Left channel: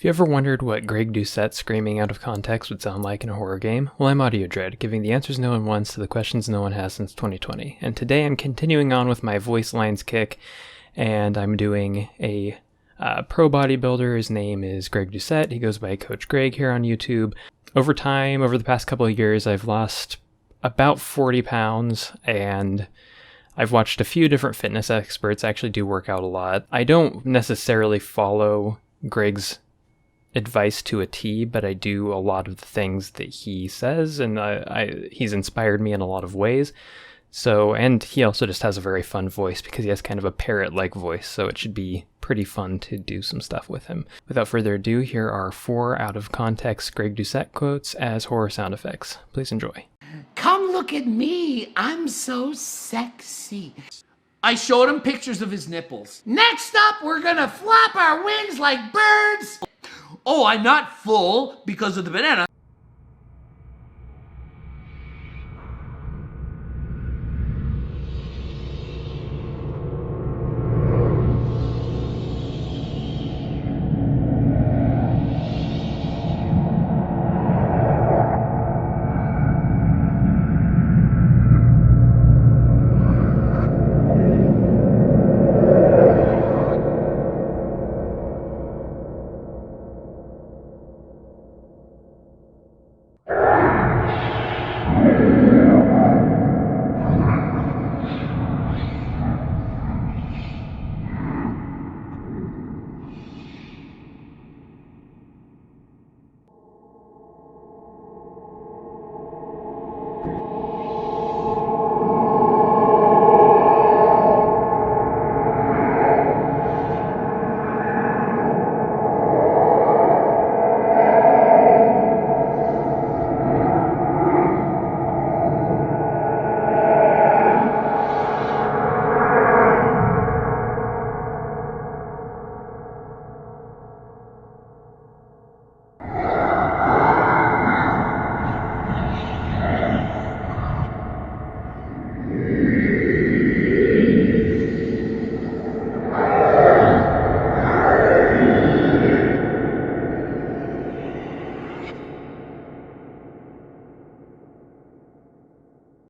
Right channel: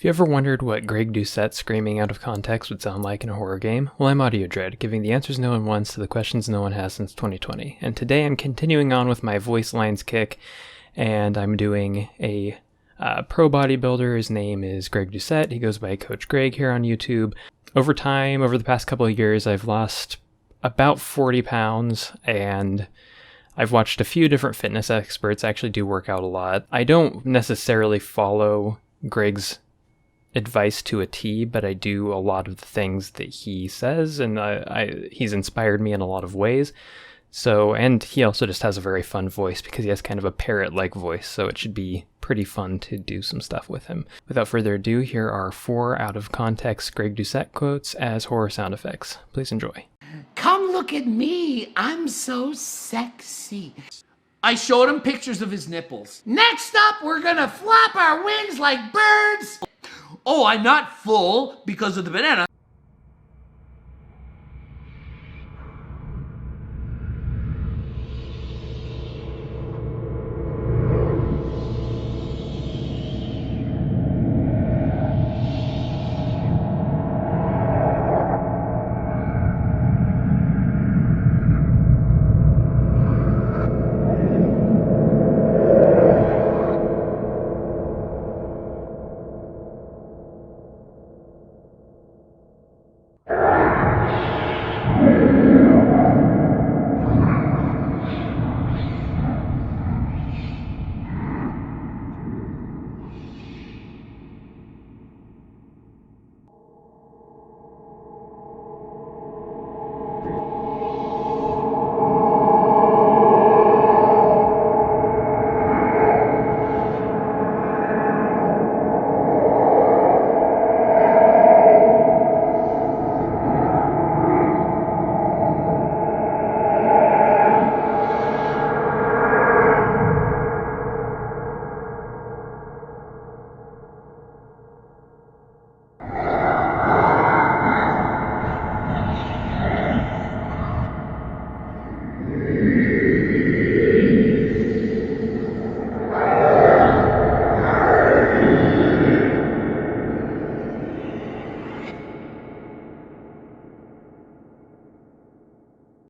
If you ever wondered what Greg Doucette screaming out of context would sound like in a horror game, well, I'm Audio Dread, giving the answers no one wants to the questions no one has since 2020. And today I'm continuing on with my voice lines kick, and I'm doing a pro bodybuilder. His name is Greg Doucette. He goes by Coach Greg here on YouTube. Over time, over the past couple of years, I've lost about 40 pounds, and I've watched a few different fitness experts. I actually do work out a lot. I don't necessarily follow Greg's advice to a T, but I do a lot of the things that he says, and he's inspired me in a lot of ways. So, and he also just has a very fun voice because he has kind of a parrot-like voice, so it should be pretty fun to do some stuff with him. Without further ado, here are 4 out-of-context Greg Doucette quotes as horror sound effects. Please enjoy. Come look at me, I'm so sexy. I showed him pictures of his nipples. Next up, we're gonna flap our wings like birds. Oh, I'm not full because of the banana.